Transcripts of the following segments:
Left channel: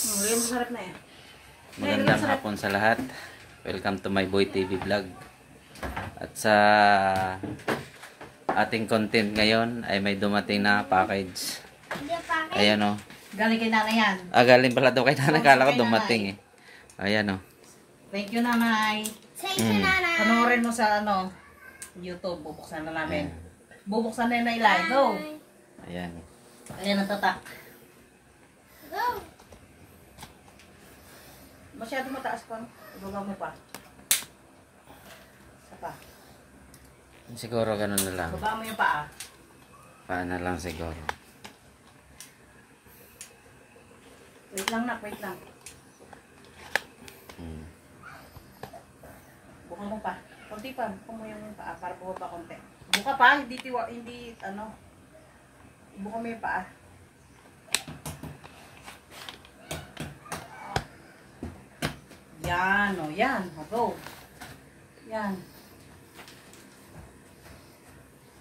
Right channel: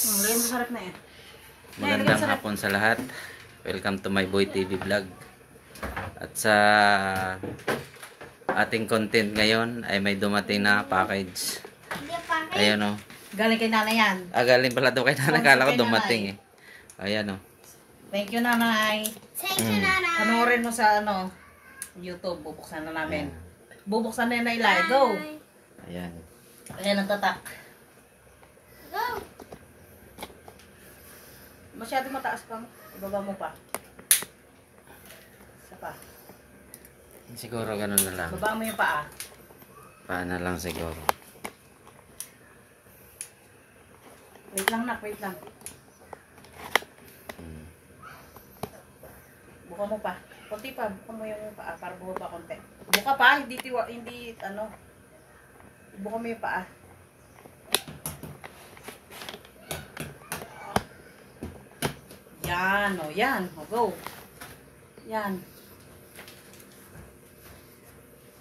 Masarap na yan. Magandang hapon sa lahat. Welcome to my Boy TV vlog. At sa ating content ngayon ay may dumating na package. Ayan o. Galing kay nanay yan. Galing pala daw kay nanay. Kala ko dumating eh. Ayan o. Thank you, nanay. Thank you, nanay. Panoorin mo sa YouTube. Bubuksan na namin. Bubuksan na yung nailay. Go! Ayan. Ayan ang tatak. Go! Masyado mataas pa. Ibaba mo pa. Isa pa. Siguro ganun na lang. Ibaba mo yung paa. Paano lang siguro. Wait lang na, wait lang. Buka mo pa. Kunti pa. Buka mo yung paa para buka pa konti. Buka pa. Hindi buka mo yung paa. Yan, o yan. Go. Yan.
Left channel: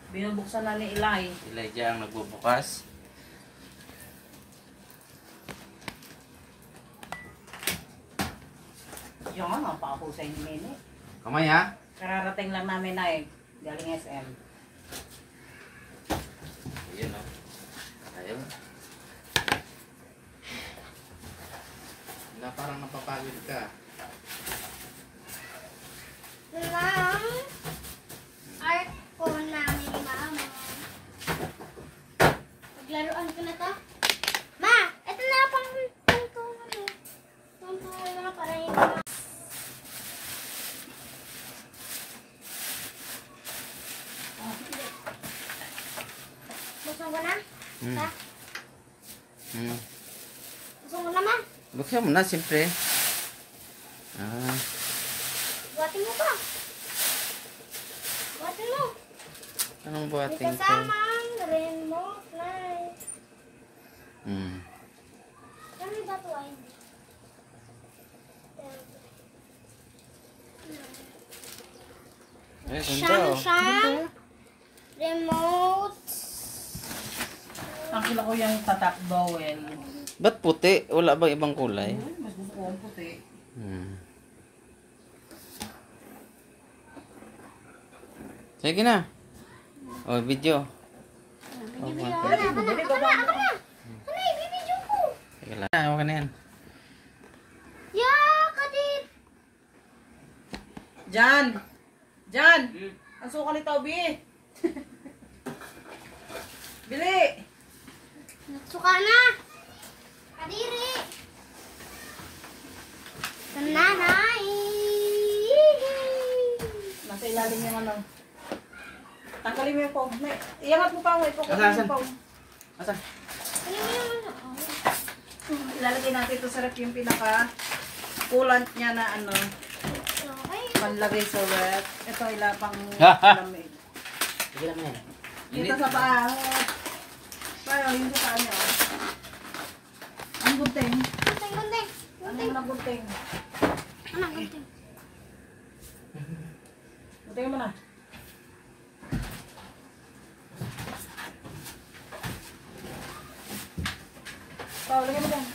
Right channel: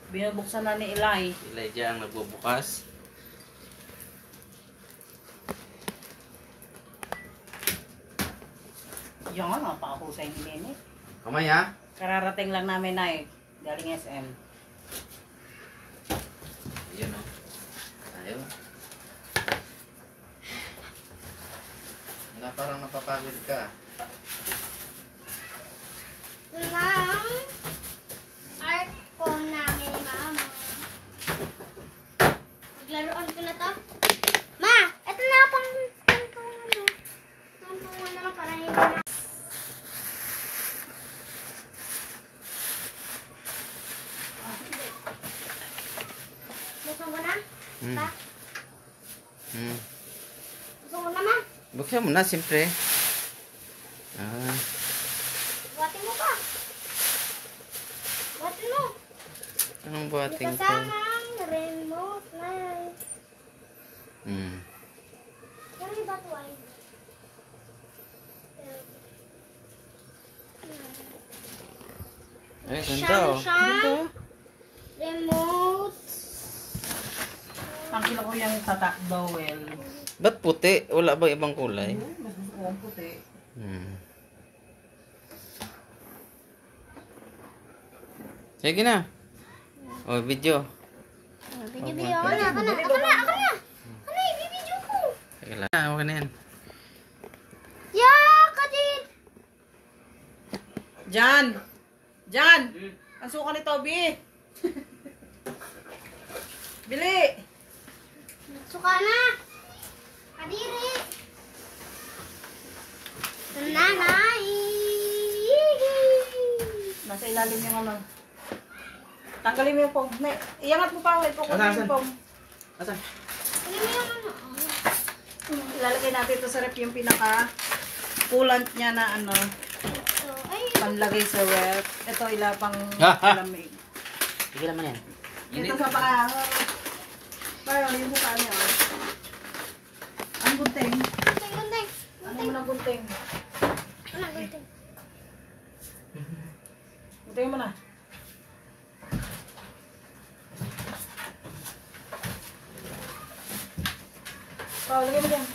Binubuksan na ni Eli. Elijah ang nagbubukas. Yan, ang pakahusay ni Nene. Kamay ha? Kararating lang namin na galing SM. Ayan o. Ayun. Parang napapagod ka. Ito lang. Art ko namin, mama. Paglaruan ko na to. Ma! Ito na pang naman para hindi na. Buksan ko na? Pa? Buksan ko na, ma? Buksan mo na, siyempre. Buhatin mo pa. Buhatin mo. Anong buhating ko? Kasama ang remote na. Pero may bato ay. Ay, ganda o. Ganda. Remote. Ang kila ko yung tatak bowel. Ba't puti? Wala bang ibang kulay? Mas gusto ko ang puti. Sige na. O, video. Video. Ako na. Ano yung video ko? Sige lang. Huwag ka na yan. Yeah, kadit. Jan! Jan! Ang suka ni Toby. Bili! Suka na. Kadiri. Nanay. Nasa ilalim yung tanggalin mo yung phone. Iangat mo pa. Ipokutin yung phone. Asa? Ano mo yung Ilalagay natin ito sa rep yung pinaka coolant niya na panlagay sa rep. Ito ilapang lamig. Sige naman yan. Dito sa paa. Parang yung sa paa niya. Ang gunting. Gunting. Ano mo na gunting? Ano gunting? Gunting mo na. Lagay mo dyan.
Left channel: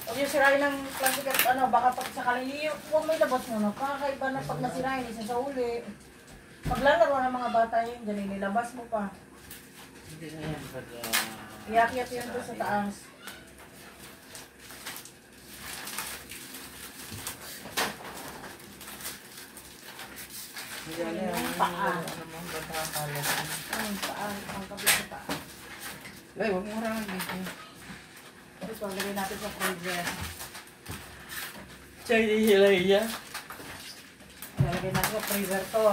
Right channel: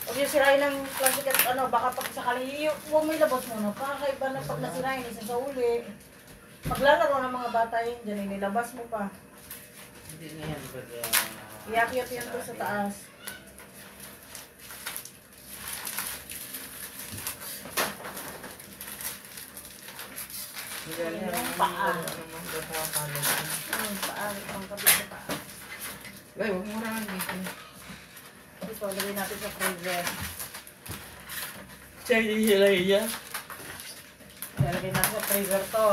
Huwag yung sirain ng plastic at baka pag sakali, huwag may labas muna. Kakaiba na pag nasirain, isa sa uli. Paglalaro ng mga bata yun, dyan nilabas mo pa. Hindi na yan. Iyakyat yun doon sa taas. Paa. Paa. Pangkabit sa paa. Ay, huwag mo rangan dito. Tapos lagay natin sa freezer. Chinese lang yan. Lagay natin sa freezer to.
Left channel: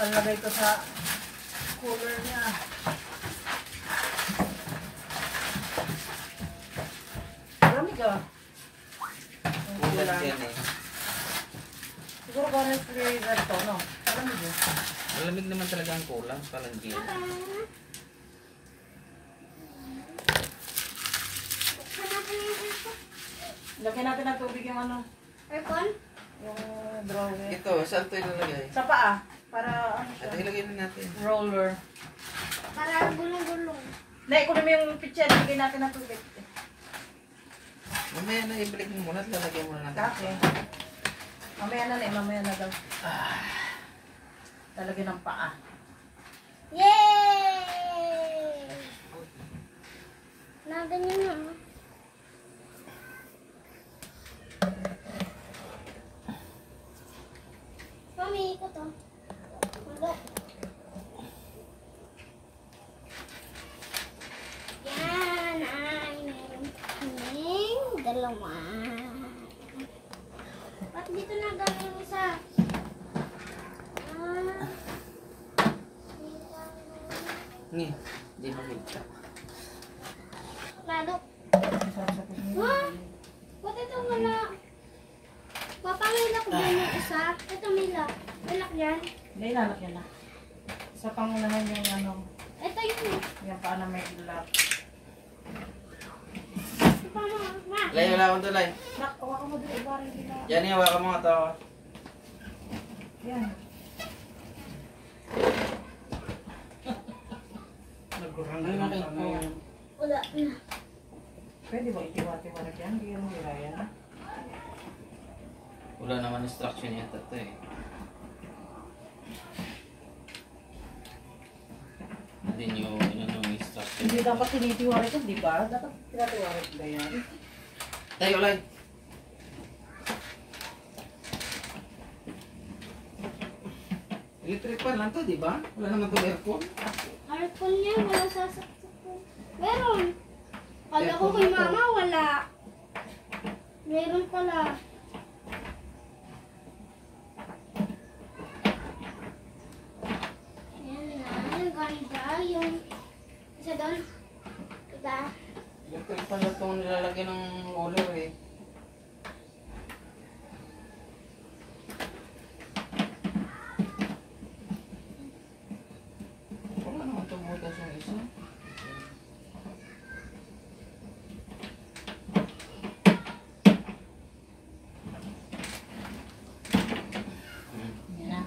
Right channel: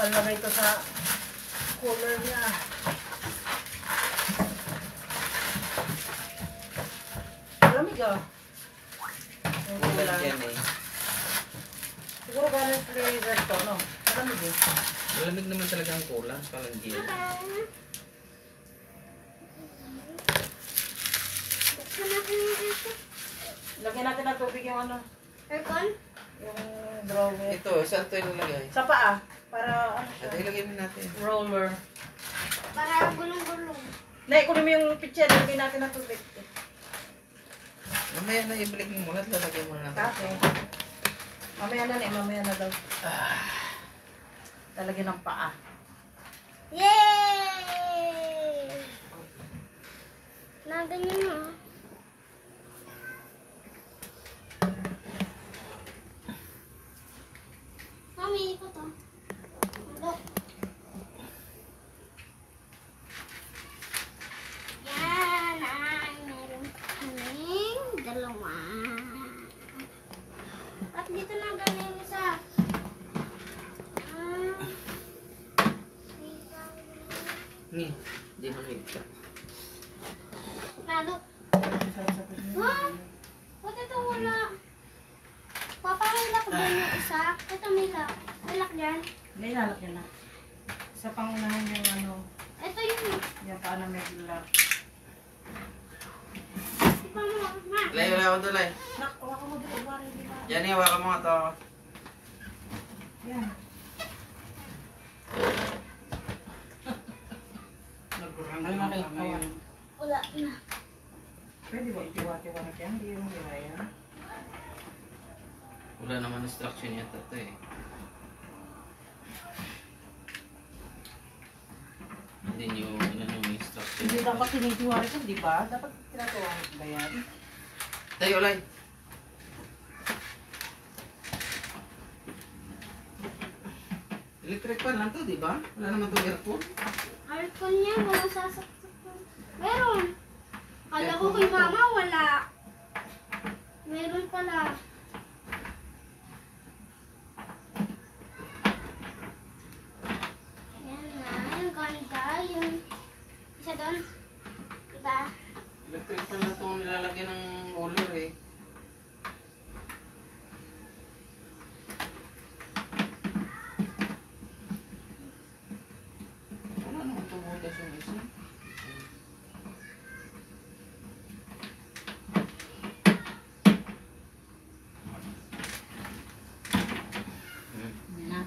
Palagay ko sa cooler niya. Malamig ah. Siguro gano'n freezer to, no? Malamig eh. Malamig naman talaga ang kulang. Palang gin. Lagyan natin ng tubig yung Aircon? yung drawer. Ito, saan ito ilalagay? Sa paa. Para Ito ilagay na natin. roller. Para gulong-gulong. Nay, kunin mo yung pitcher. Lagyan natin ng tubig. Mamaya na ibalik mo muna at lalagyan mo na natin. Okay. Mamaya na, Nay. Mamaya na daw. Lalagyan ng paa. Yay! Naganyan mo. Mami, ito to. Wala. Yan ay meron kaming dalawa. At dito na galing isa. Hindi. Hindi makita. Nalo. Sarap sa puso. Wow! Ba't ito wala? Papangilak dyan yung isa. Ito may lock. May lock dyan. Hindi, lalagyan na. Sa pangunahan yung ano, Ito yung... yung paa na may lock. Ito pa mo. Ma. Lay, wala ko tulay. Nak, hawakan mo dito. Bari, di ba? Yan, iwakan mo nga to. Yan. Nagurang Ano na nakita mo? Wala na. Pwede ba itiwa-tiwanak yan? Hindi yung hiraya. Wala naman instruction yata to eh. Hindi nyo inanong instruction. Hindi dapat tinitiwanak ito, di ba? Dapat tinatiwanak ba yan? Tayo, Lay. Electric fan lang to, di ba? Wala naman itong aircon. Aircon niya. Wala sasaksak. Meron. Kala ko kay mama wala. Meron pala. Yan na. Ang ganda. Yung isa doon. Diba? Electric fan lang itong nilalagyan ng uler eh. Wala naman tumutas yung isa. Yan na.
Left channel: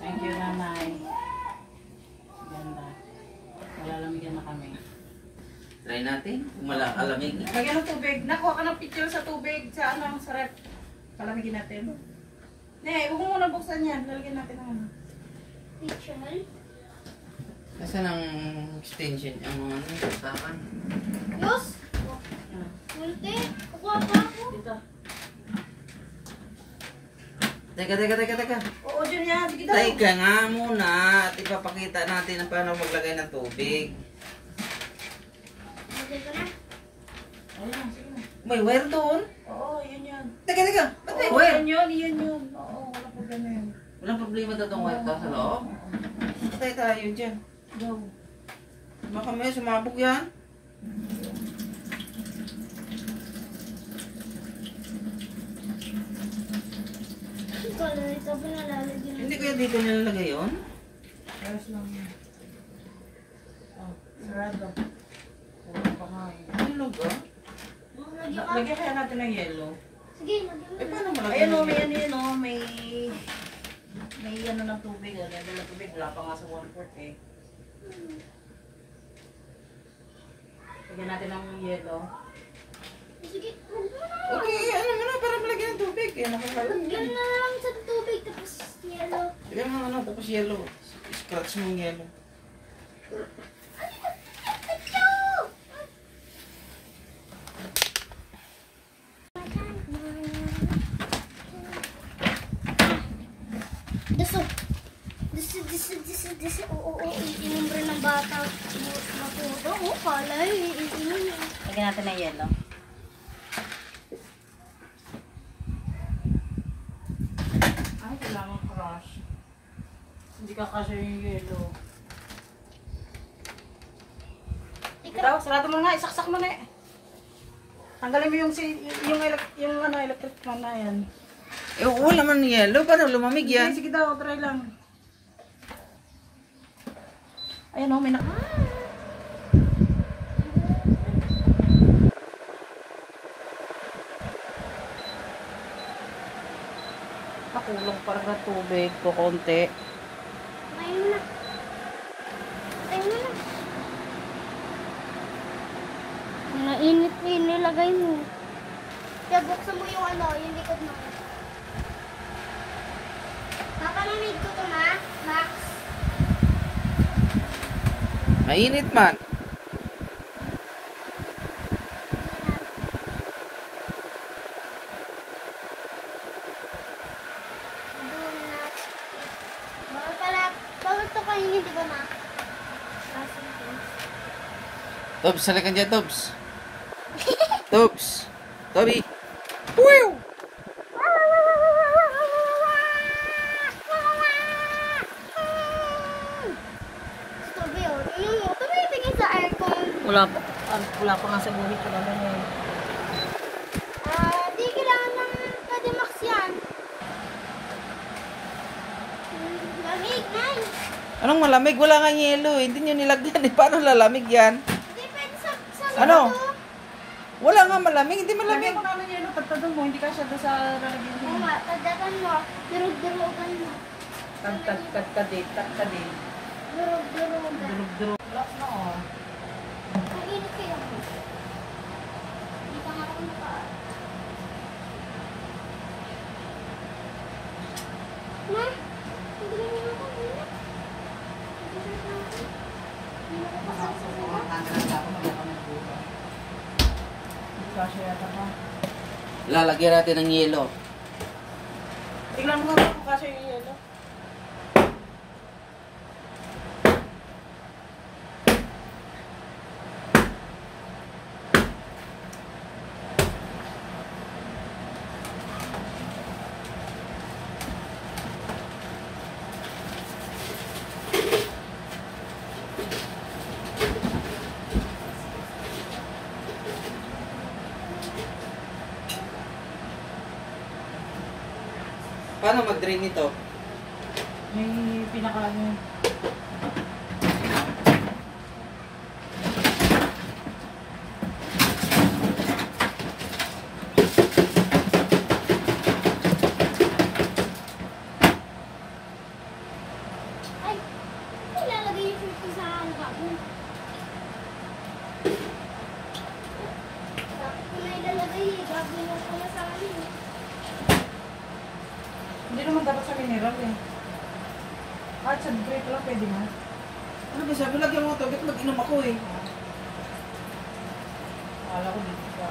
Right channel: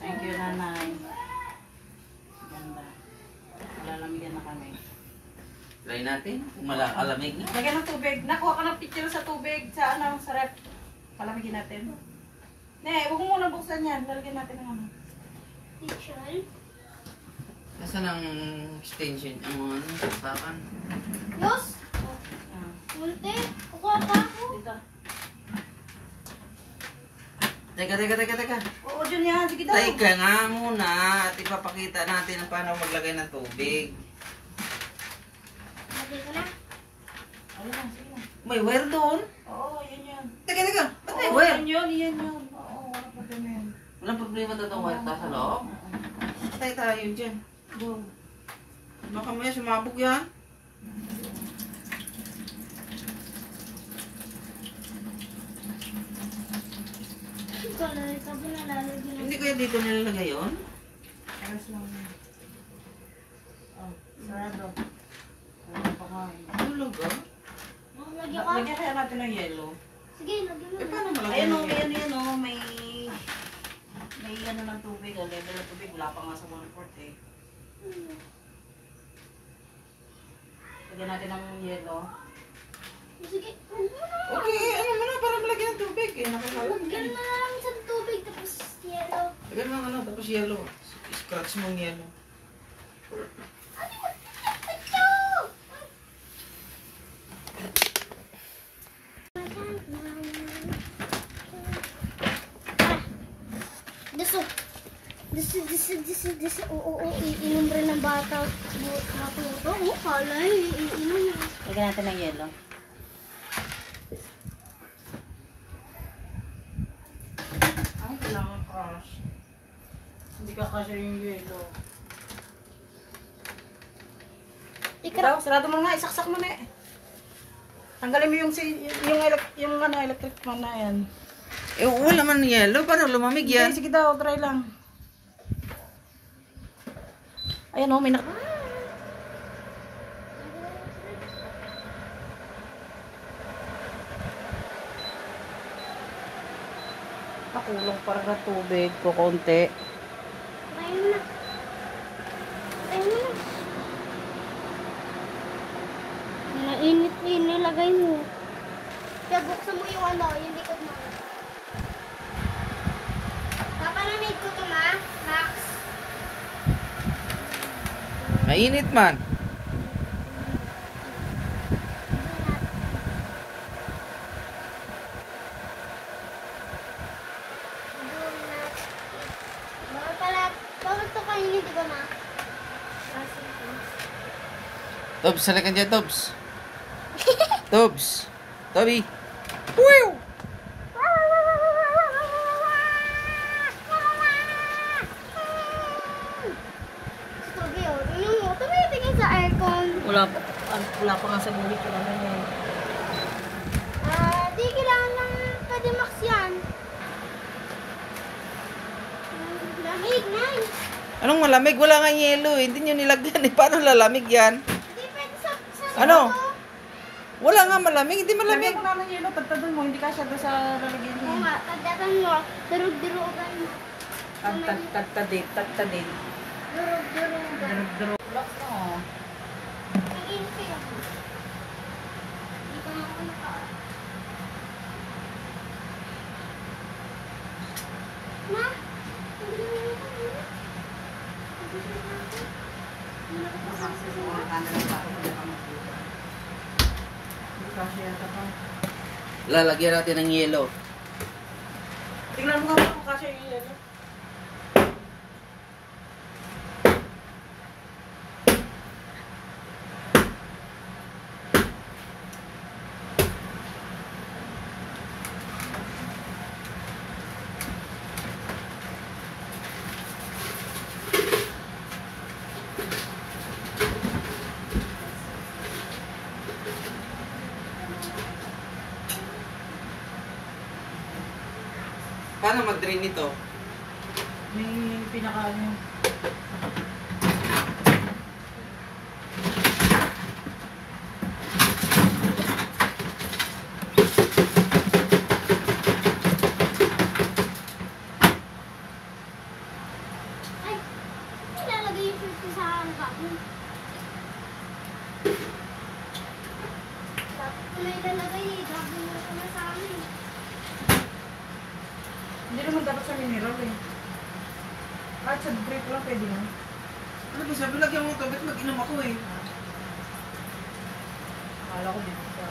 Thank you, nanay. Ganda. Lalamigan na kami. Try natin. Kung malang alamig na. Lagyan ng tubig. Nakuha ka ng picture sa tubig. Sa ano, sa rep. Palamigin natin. Ne, huwag mo muna buksan yan. Lalagyan natin ng ano. Picture. Nasaan ang extension? Ang ano, sasakan. Los! Ah, Kunti. Kukuha pa ako. dito. Teka. Oo, dyan yan. Sige daw. Teka nga muna at ipapakita natin ang paano maglagay ng tubig. Lagyan ko na. Ayan, sige na. May wire doon? Oo, yun yan. Teka. Ba't may Oo, wire? yan yun, yan yun. Oo, wala problema yun. Walang problema daw itong wire sa loob. Patay tayo dyan. Go. Baka may sumabog yan. Kala ito ba nalalagyan Hindi kaya dito nilalagay yun? Ayos lang. Oh, sarado. Wala pa nga eh. Tulog ah. Lagyan ka? Lagyan kaya natin ng yellow. Sige, lagyan mo. Eh paano malagay Ayan o, ng may yellow? ano yun o, may ano ng tubig, level ng tubig, wala pa nga sa 1/4 eh. Lagyan natin ng yellow. Sige, huwag mo na. Okay, ano mo na para malagyan ng tubig. Eh, Lagyan nakakalagyan. na lang sa tubig tapos yellow. Lagyan mo ng ano, tapos yellow. Scratch mo yung yellow. Disi. Oo, iinom rin ng bata. Matuto. Oo, kala iinom niya. Lagyan natin ng yellow. Ay, kailangan crush. Hindi ka kasi yung yellow. Ikaw, sarado mo nga, isaksak mo na eh. Tanggalin mo yung ano, electric fan na yan. Eh, wala man yellow. Paano lumamig yan? Sige daw, try lang. Ayan o, may nak... Nakulong parang na tubig ko konti. Ngayon na. Kaya buksan mo yung ano, yung likod mo. Mapalamig ko to na, Max. Mainit man. Do not. Bawal pala, bawal to kainin, di ba, Ma? Asan to? Tobs, salikan dyan, Tobs. Tobs. Toby. Wow! Tubi, oh. Ano mo? Tubi, tingin sa aircon. Wala pa nga sa buhay ko naman yun. Di kailangan ng Kadimax yan. Lamig, man. Anong malamig? Wala nga yelo eh. Hindi nyo nilagyan eh. Paano lalamig yan? Hindi pwede sa Ano? Wala nga malamig. Hindi Malamig. malamig. Lagyan mo na ng yelo, tagtadan mo, hindi ka siya doon sa lalagyan Oo mo. nga, tadatan mo. Durug-durugan mo. Tagtadate. Durug-durugan. Relax mo. Iinit kaya mo. Hindi pa nga ako naka... Ma? Hindi na naman ako muna. Hindi na natin. Hindi na ako pasasasunod. Kasya yata ka. Lalagyan natin ng yelo. Tignan mo nga kung kasya yung yelo. Paano mag-drain ito? May pinaka ano. Ay! Nilalagay yung shirt ko sa bago. Bakit ko na ilalagay eh? Gagawin ko na sa amin. Hindi naman dapat sa mineral eh. Kahit sa grape lang pwede na. Ano ba sabi? Lagyan mo ito. Ba't mag-inom ako eh? Akala ko dito sa...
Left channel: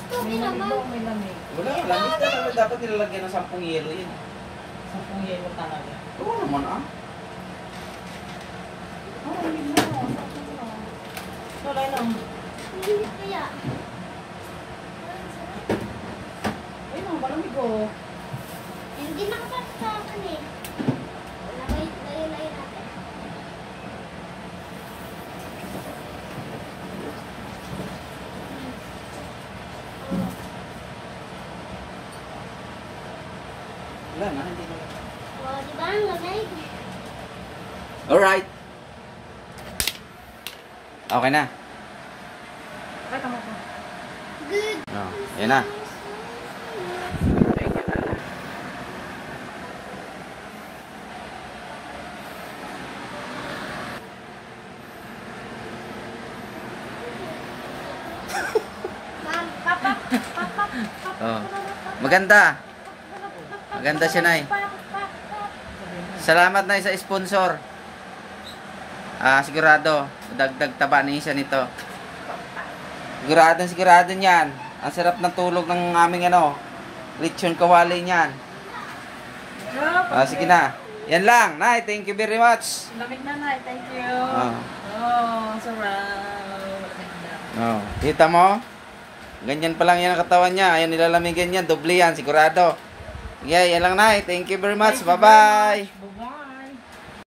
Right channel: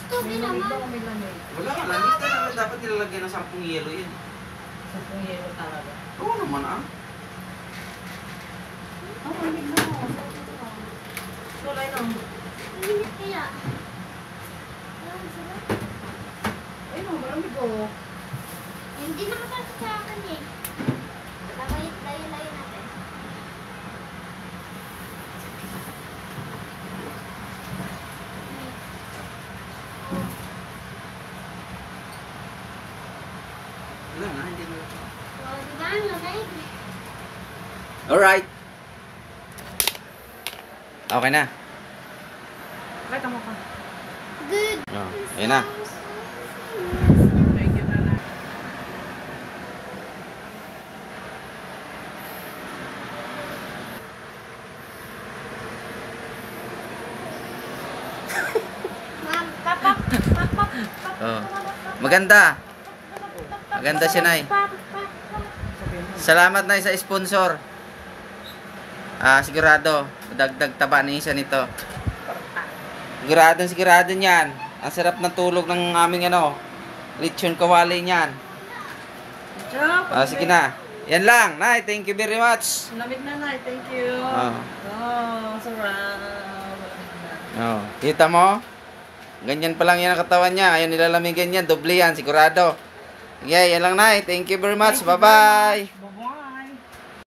Stupid May lamig naman. daw, may lamig. Wala ka lang. Hindi naman dapat nilalagyan ng 10 yelo yun. 10 yelo talaga. Oo naman ah. Lamig na. Tulay lang. Hindi kaya. Ang sarap. Ayun, malamig oh. Hindi nakapasok sa akin eh. Layo natin. Wala na. Hindi na. O, di ba? Ang lamig. Alright. Okay na. Kahit mo pa. Good. Oh, ayan na. Ma'am, papak. Oh. Maganda. Maganda siya, Nay. Salamat, Nay, sa sponsor. Sigurado. Dagdag taba ni isa nito. Sigurado niyan. Ang sarap ng tulog ng aming lechon kawali niyan. Sige na. Yan lang, Nay. Thank you very much. Lamig na na, thank you. Oh. Oh, sarap. Malamig na. Oh, kita mo? Ganyan pa lang yan ang katawan niya. Ayaw nilalamigan yan. Doble yan, sigurado. Okay, yan lang, Nay. Thank you very much. Thank you very Bye-bye. much.